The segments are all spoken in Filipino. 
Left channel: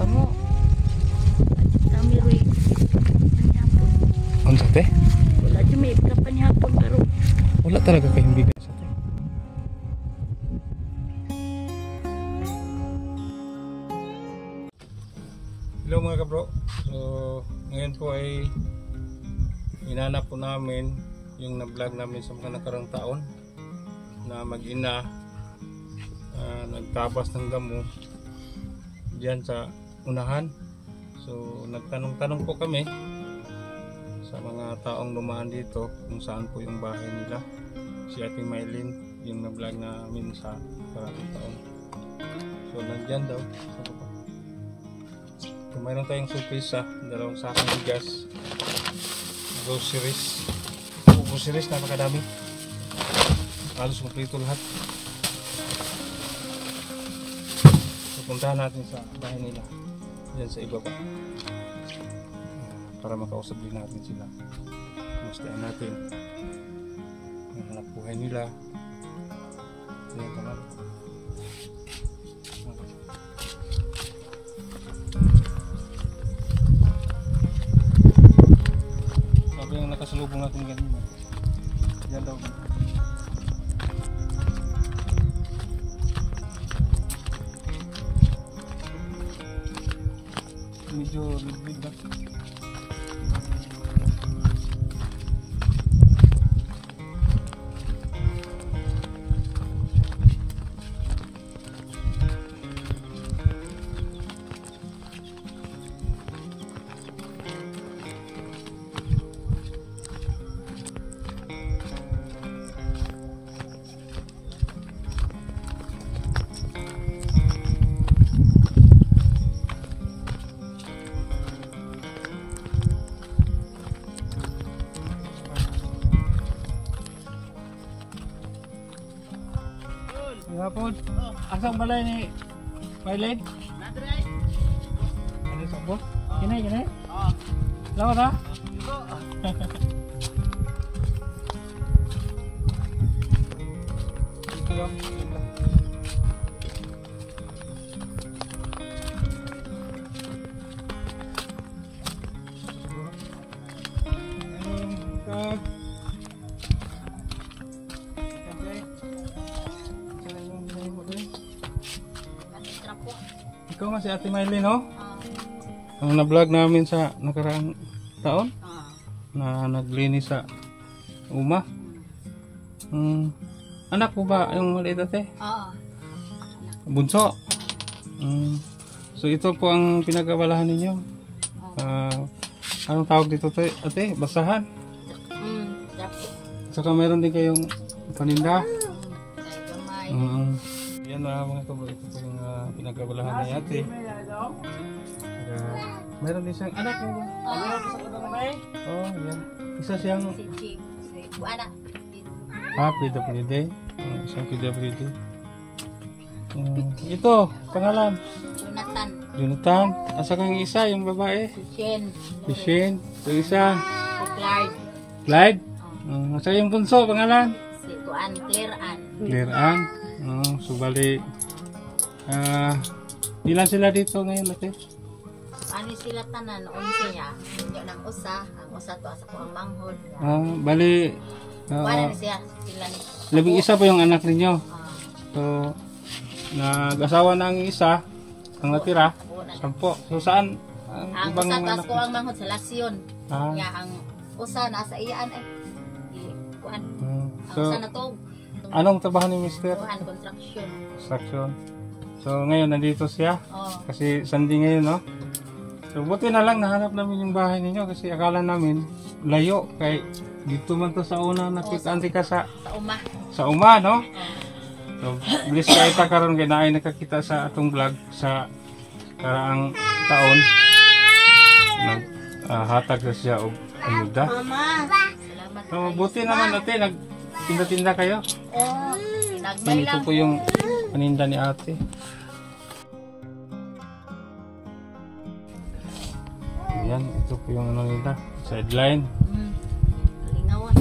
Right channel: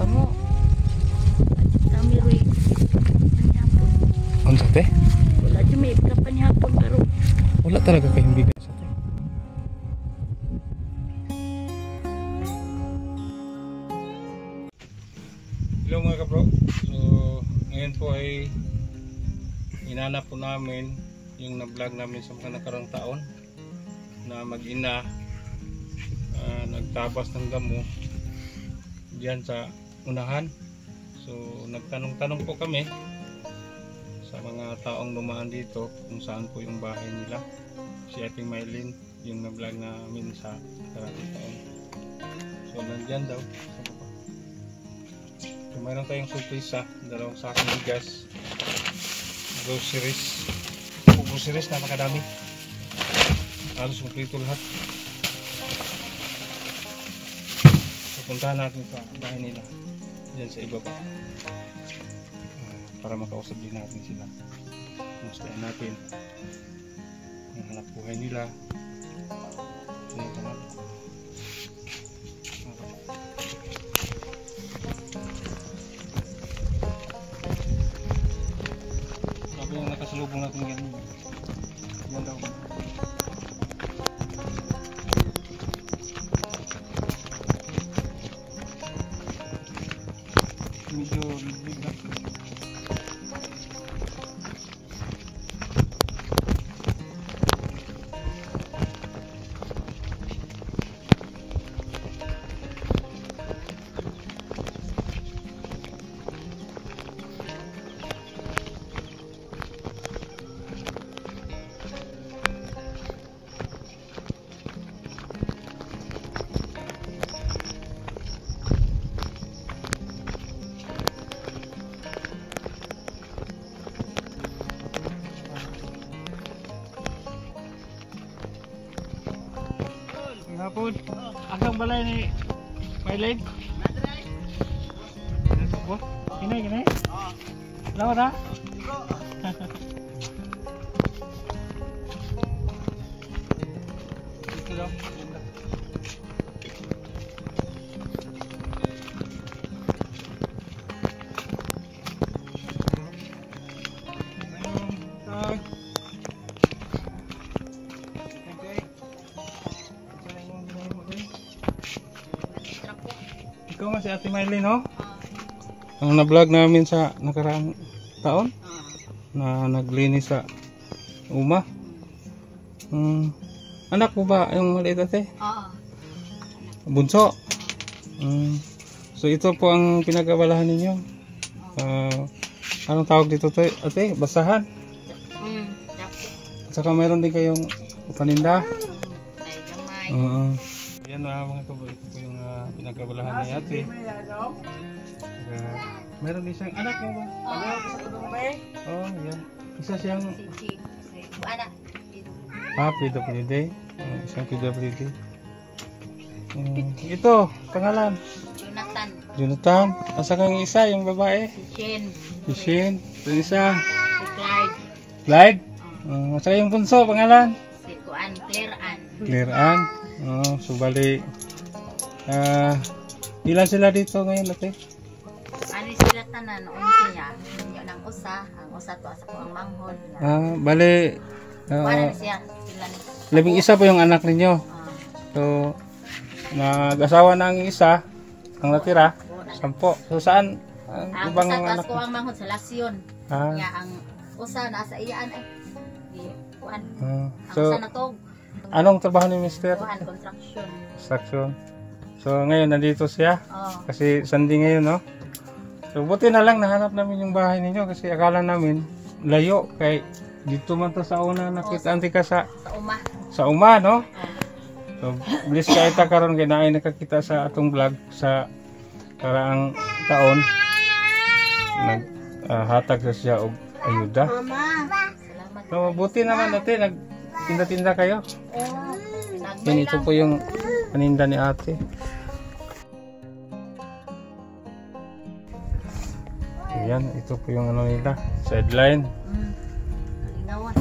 Kamu. Kami rin. Ano sa te? Wala dyan may kapanihapon pero. Wala talaga kayong bigas sa te. Hello mga kabro. So ngayon po ay hinanap po namin yung na-vlog namin sa mga nakarang taon na mag-ina nagtabas ng damo diyan sa unahan. So nagtanong-tanong po kami sa mga taong dumaan dito kung saan po yung bahay nila. Si Ate Mylene yung na-vlog namin sa nakarang taon. So nandyan daw sa baba. So mayroon tayong surpresa, dalawang sakong bigas, groceries. Groceries, napakadami. Halos kumpleto lahat. Pupuntahan natin sa bahay nila dyan sa ibaba para makausap din natin sila. Mustahin natin ang hanap buhay nila. Ayan ka natin. Sabi yung nakasalubong natin ganyan. Yan daw. Medyo big na. Hapon. Asang balay ni Mylene? Nadray. Ano po? Kinay, kinay? Lawa ta? Ito lang. Ikaw nga si Ate Mylene, ho? Ang na-vlog namin sa nakaraang taon na naglinis sa uma. Anak mo ba yung maliit ate? Oo. Bunso? So ito po ang pinagabalahan ninyo. Anong tawag dito ate? Basahan? Saka meron din kayong paninda? Yan mga kabro, ito po yung pinagkabalahan ni ate. Meron din siyang anak mo ba? Oh, yan. Isa siyang PWD. Isang PWD. Ito, pangalan? Jonathan. Asa kang isa, yung babae? Si Shane. Ito isa? Clyde. Asa yung bunso, pangalan? Si Claire Ann. Claire Ann. So bali ilan sila dito ngayon ate? Ano sila tanan, 11 niya. Yung nang usa, ang usa to asa ko ang manghod. Bali Wala siya sila ni. 11 po yung anak ninyo. So nag-asawa na ang isa, ang natira 10. So saan ang ibang usa anak ko ang manghod sa Lasyon. Nga ang usa nasa iyaan kuan. Ang usa na to. Anong trabaho ni Mister? Construction. So ngayon nandito siya. Kasi Sunday ngayon, no? So buti na lang nahanap namin yung bahay ninyo kasi akala namin layo kay dito man to sa una nakita ka sa uma, no? So bilis ka ita karon kay naay nakakita sa atong vlog sa karaang taon. Hatag na siya og ayuda. Salamat. So buti naman ate tinda kayo? Yan, ito po yung paninda ni ate. Yan, ito po yung ano nila, sideline. Kalingawan.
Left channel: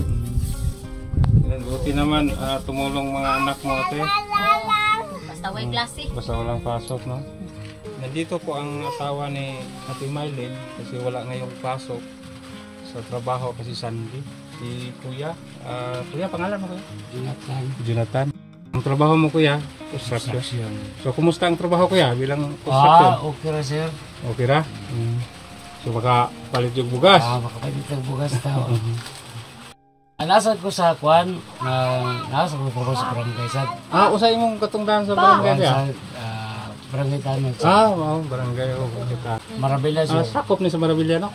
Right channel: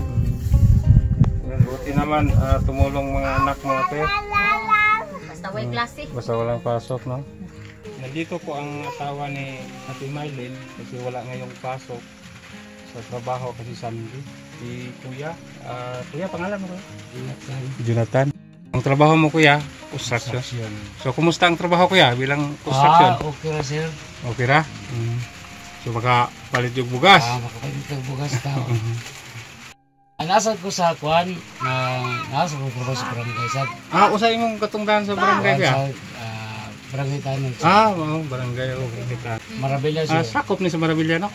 Yan, buti naman tumulong mga anak mo ate. Basta way klase. Basta walang pasok, no? Nandito po ang asawa ni Ate Mylene kasi wala ngayong pasok sa trabaho kasi Sunday. Si Kuya, Kuya, pangalan mo Kuya? Jonathan. Jonathan. Ang trabaho mo Kuya? Construction. So, kumusta ang trabaho Kuya bilang construction? Okay ra sir. Okay ra? So, baka palit yung bugas? Makapalit ang bugas tao. Nasad ko sa kwan, nasad ko po sa barangay sad. Usay mong katungdahan sa barangay Kuya? Barangay Tanong. Barangay. Marabila siya. Sakop ni sa Marabilla, no?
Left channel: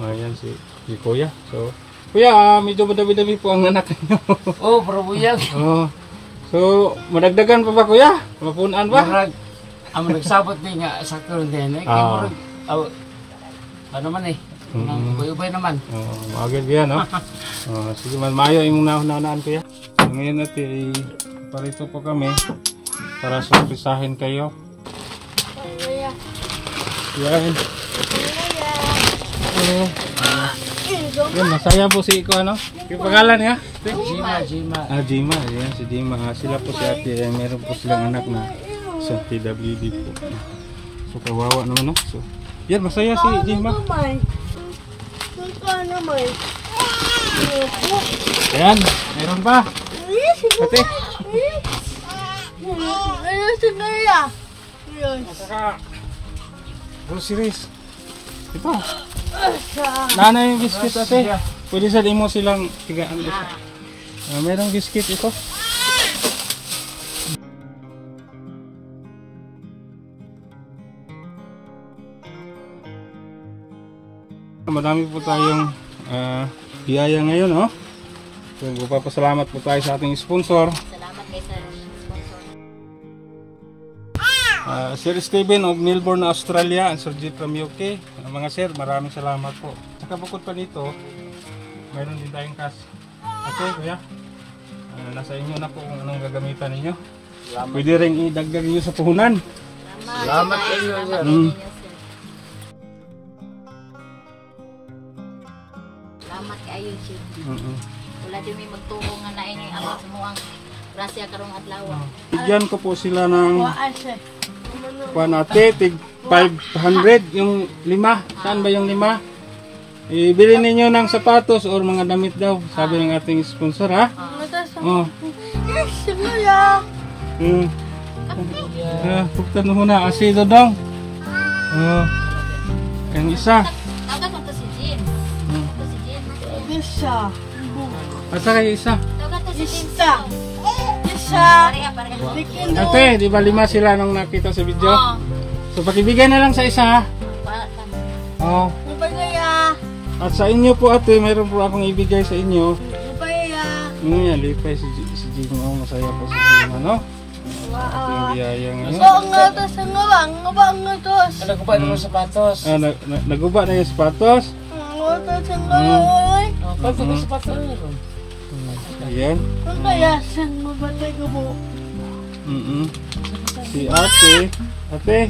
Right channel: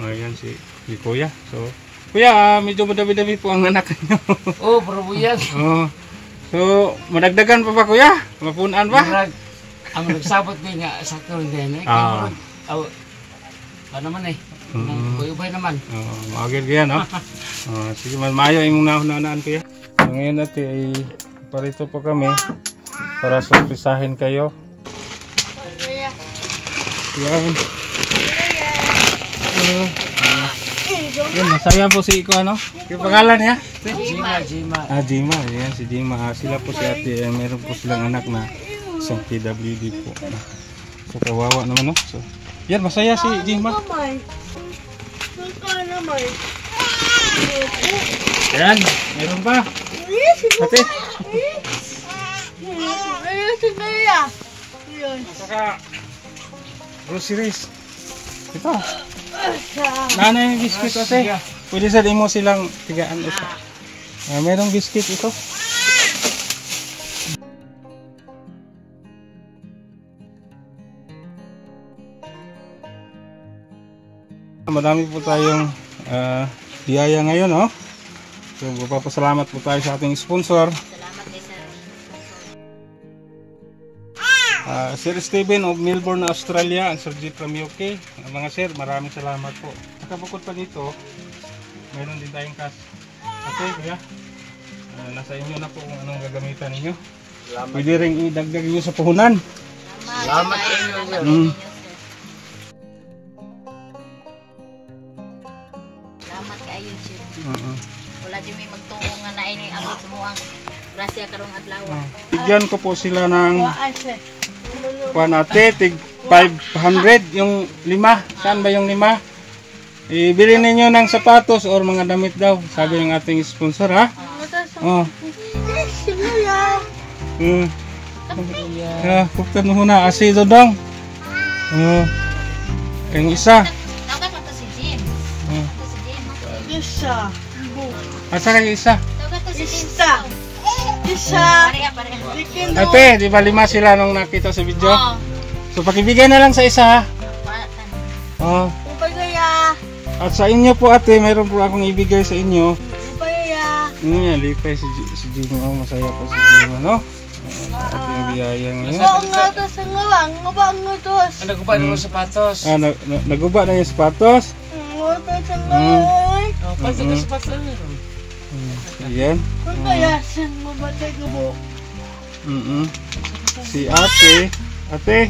Ayan si Kuya. So, Kuya, medyo madami-dami po ang anak niyo. Pero buyag. So, madagdagan pa ba Kuya? Mapunaan ba? Marag, ang nagsabot din nga sa karon din. Kaya ano man Kuya naman. Magagad yan, no? Sige, maayo yung naunaan Kuya. So, ngayon natin ay parito po kami para surprisahin kayo. Yan. Yan, masaya po si Iko, ano? Yung pangalan niya? Jima. Jima. Ayan, si Jima. Sila po si ate. Meron po silang anak na sa PWD po. So, kawawa naman, no? So, yan, masaya si Jima. Yan, meron pa. Ate. Saka, groceries. Ito. Nanay yung biscuit ate. Pwede sa mo silang tigaan ito. Merong biscuit ito. Madami po tayong biyaya ngayon, no? So, papasalamat po tayo sa ating sponsor. Salamat kay sir. Sir Steven of Melbourne, Australia, and Sir G from UK. Mga sir, maraming salamat po. Nakabukod pa dito, mayroon din tayong cash. Ate, Kuya, nasa inyo na po kung anong gagamitan ninyo. Pwede rin idagdag nyo sa puhunan. Salamat kayo. Salamat kayo, sir. Wala din may magtuo nga na ini abot sa muang grasya karong adlaw. Bigyan ko po sila ng ate, tig 500 yung 5. Saan ba yung 5? Ibili ninyo ng sapatos or mga damit daw, sabi ng ating sponsor, ha? Puktan mo muna, asido dong. Yung isa. Tawag mo to si Jim. To si Jim. Asa kayo isa? Tawag to si Jim. Pareha. Ate, di ba 5 sila nung nakita sa video? So pakibigay na lang sa isa, ha? At sa inyo po ate, mayroon po akong ibigay sa inyo. Lipay si Jimo, masaya po si Jimo, no? Ating biyaya ngayon. Naguba na yung sapatos. Naguba na yung sapatos. Pati na sapatos. Ayan. Si ate. Ate,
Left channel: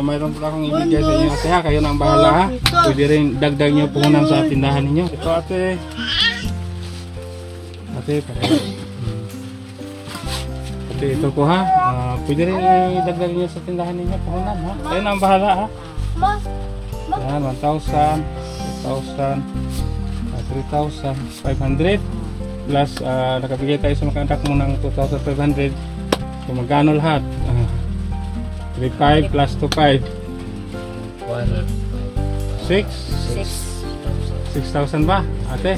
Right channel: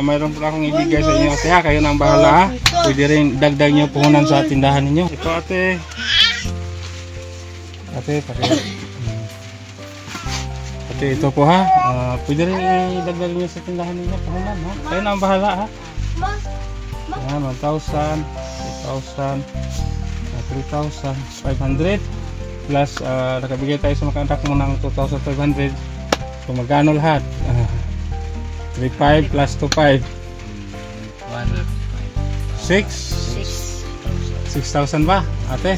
mayroon po akong ibigay sa inyo ate, ha? Kayo na ang bahala, ha? Pwede rin dagdag nyo puhunan sa tindahan ninyo. Ito ate. Ate, ate, ito po, ha? Pwede rin idagdag nyo sa tindahan ninyo puhunan, ha? Kayo na ang bahala, ha? Ayan, 1,000, 2,000, 3,500 plus nakabigay tayo sa mga anak mo ng 2,500. So magkano lahat? 3,500 plus 2,500 6,000 ba ate?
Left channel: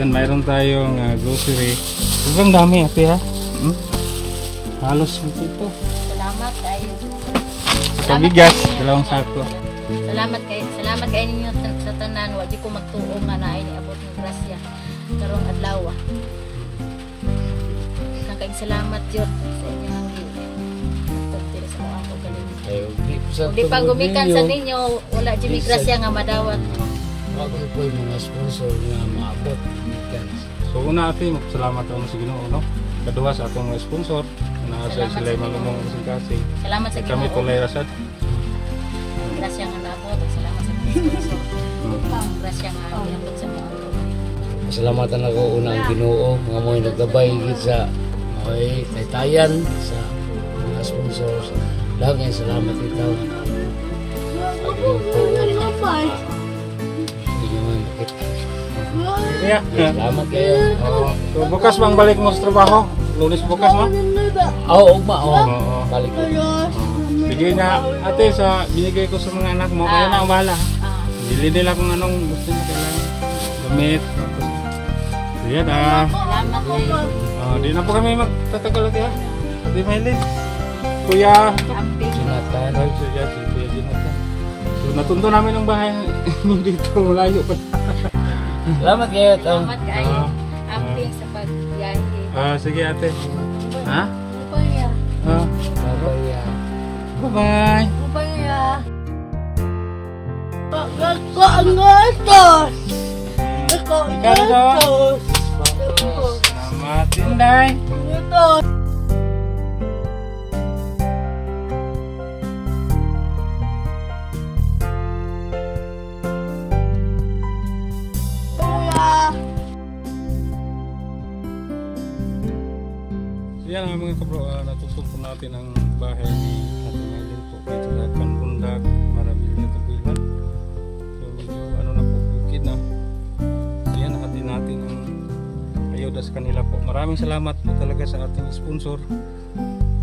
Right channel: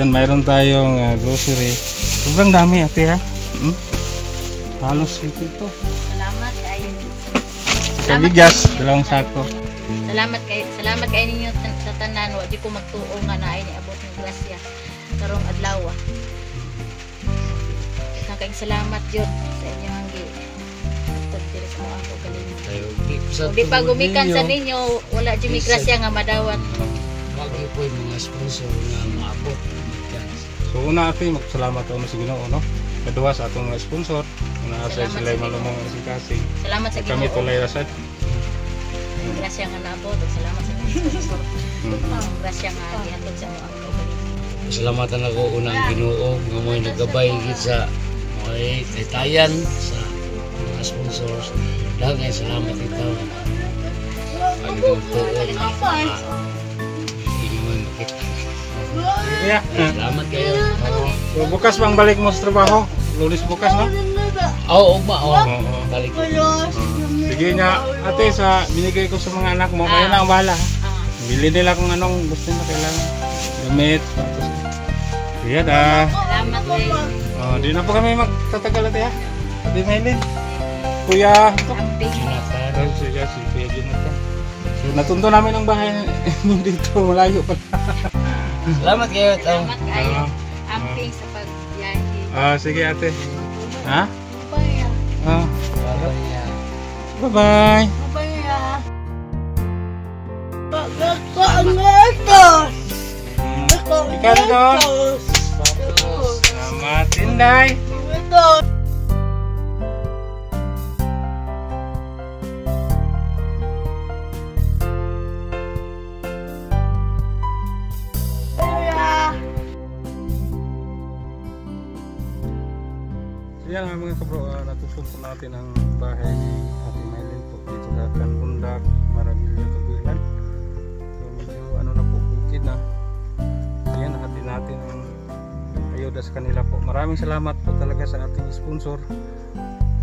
Yan, mayroon tayong grocery. Sobrang dami ate, ha? Halos ito. Salamat kayo. Sa bigas, 2 sako. Salamat kayo ninyo sa tanan. Wadi ko magtuo nga na ay niabot ng grasya karong adlaw. Kang salamat jud sa inyong hanggi. Tugtiri sa mga ko galingon. Kung di pa gumikan sa ninyo, wala jud mi grasya nga madawat. Wagi po yung mga sponsor nga maabot. So una ate, magsalamat ako sa Ginoo, no? Kadua sa atong sponsor, na sa sila malumong ang kasing. Salamat sa Ginoo. Kami tulay rasad. Grasya nga naabot, salamat sa mga sponsor. Grasya nga gihatod sa mga kaugalingon. Pasalamatan ako unang Ginoo nga mo'y naggabay gid sa mo'y taytayan sa mga sponsors. Daghang salamat ito. Pagdating po, hindi mo makita. Yeah. Salamat kayo. So bukas bang balik mo sa trabaho? Lunes bukas no? Oo, ugma. Oo, Oo. balik ko. Sige na, ate, sa binigay ko sa mga anak mo, kayo na ang bahala. Bili nila kung anong gusto nyo kailangan. Gamit. Tapos, sige na. Salamat kayo. Di na po kami magtatagal ate ha. Di Melin. Kuya. Amping. Jonathan. Sige, si Kuya Jonathan. So, natunto namin ang bahay dito. Malayo pa. Salamat kayo. Salamat kayo. Amping sa pagbiyahe. Sige ate. Ha? Bye. Bye-bye. Bye-bye. Bye. Ikaw dito. Selamat Inday. So yan nga mga kabro, natutun po natin ang bahay ni Ate Mylene po dito sa Canbundak, Maravilla, Kabuilan. So medyo ano na po, bukid na. So yan, hati natin ang ayuda sa kanila po. Maraming salamat po talaga sa ating sponsor,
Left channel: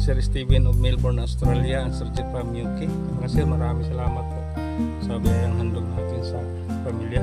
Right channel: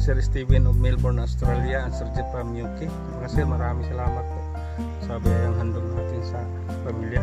Sir Steven of Melbourne, Australia, and Sir Jeff from UK. Mga sir, maraming salamat po sa biyayang handog natin sa pamilya.